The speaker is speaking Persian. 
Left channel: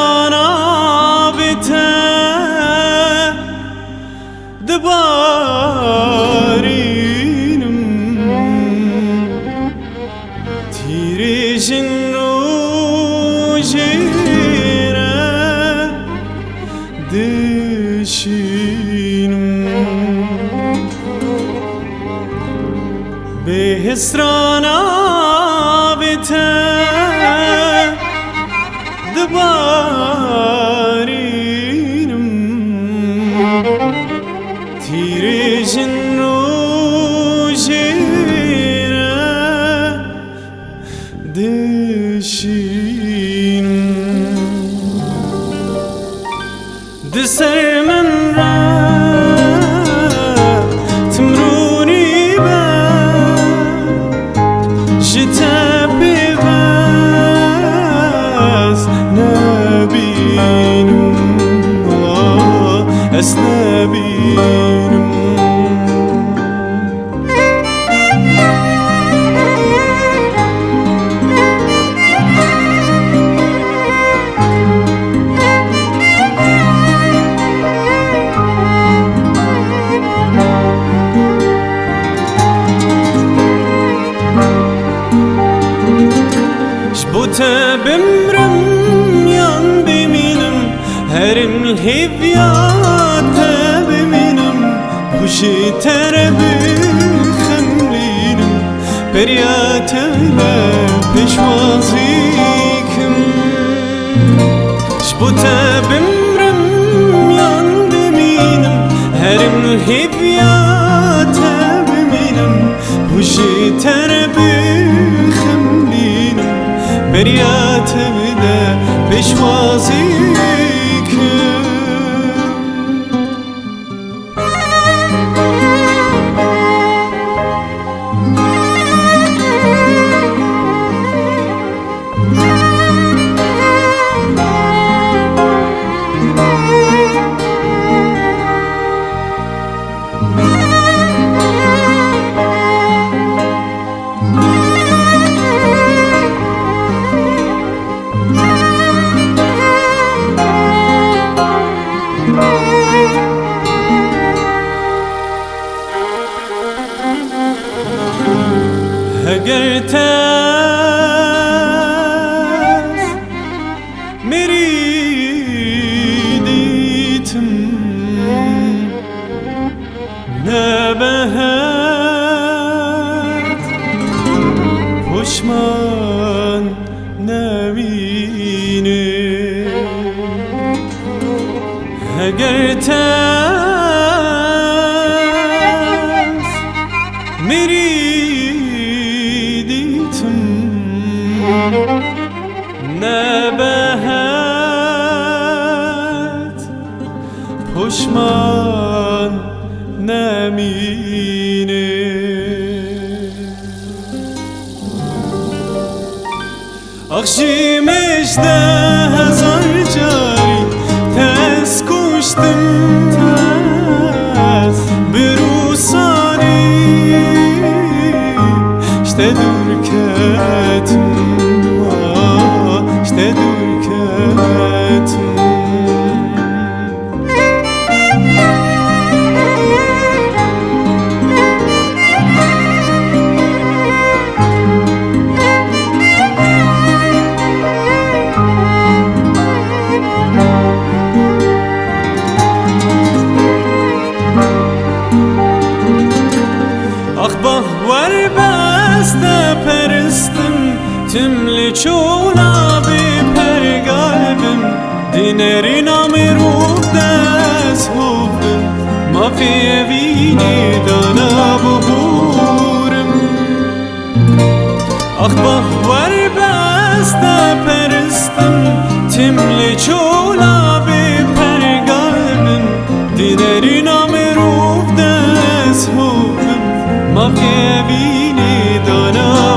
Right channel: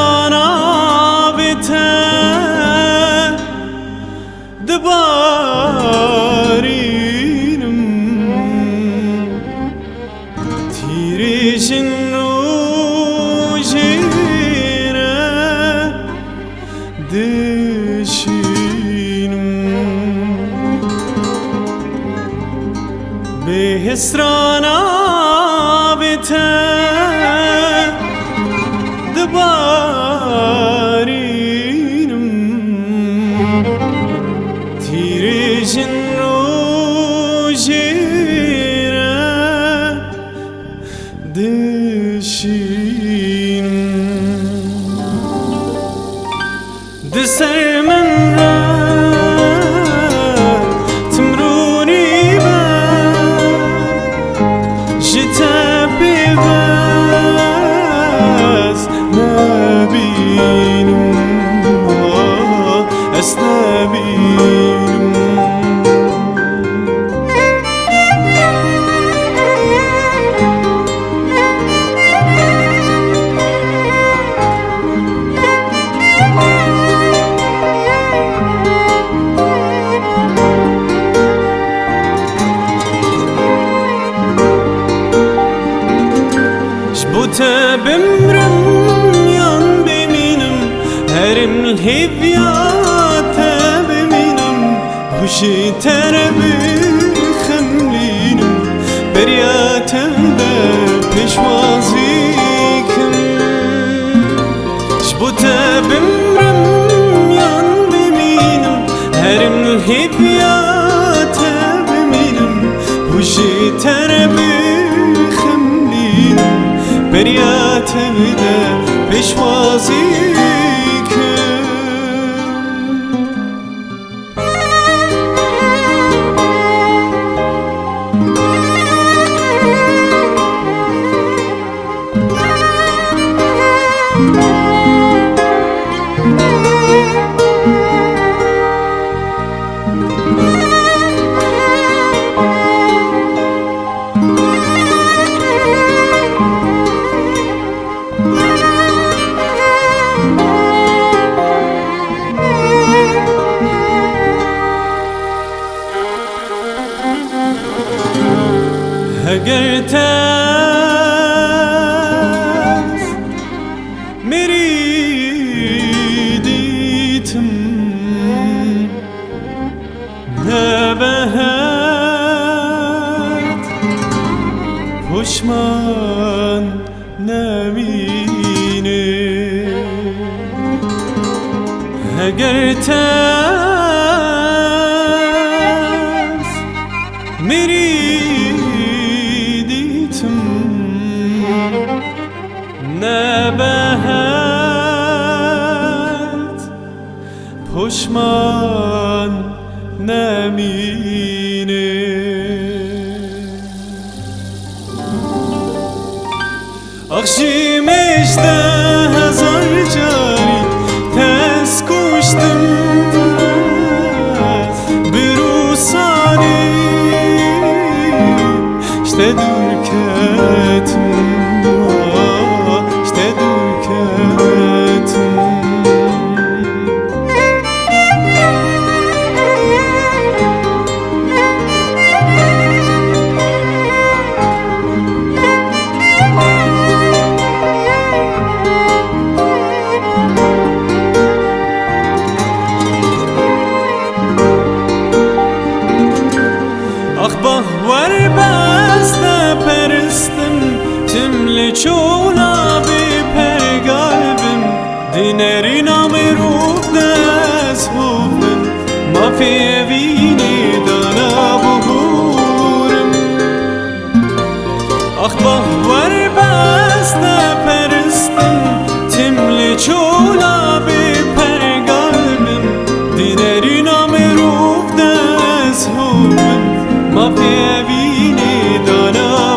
هسرانا بته دبارینم تیریجن روژیره دشینم به هسرانا بته دبارینم تیریجن روژیره دشینم دسر من را تمرونی با جتا پیوز نبینم از نبینم بوتا بمرم yan بمینم هرم الهیویات بمینم خوشی تر بخملینم بریات ده پیشوازی کن بوتا بمرم yan بمینم هرم الهیویات بمینم خوشی تر بخملینم بریات ده پیشوازی کن اگر تاز میریدیتم نبهد پشمان نمینه اگر تاز نبهد پشمان نمینه آخشیمش 10,000 جاری تز کشتم برو ساری işte dur ketim işte dur ketim آخ var beste peristim timli çona bi per galbim dinerin ameruf des huvim ma fi evini dana buhurim آخ var beste peristim timli çona bi per galbim dinerin ameruf des huvim ما في بيني دانا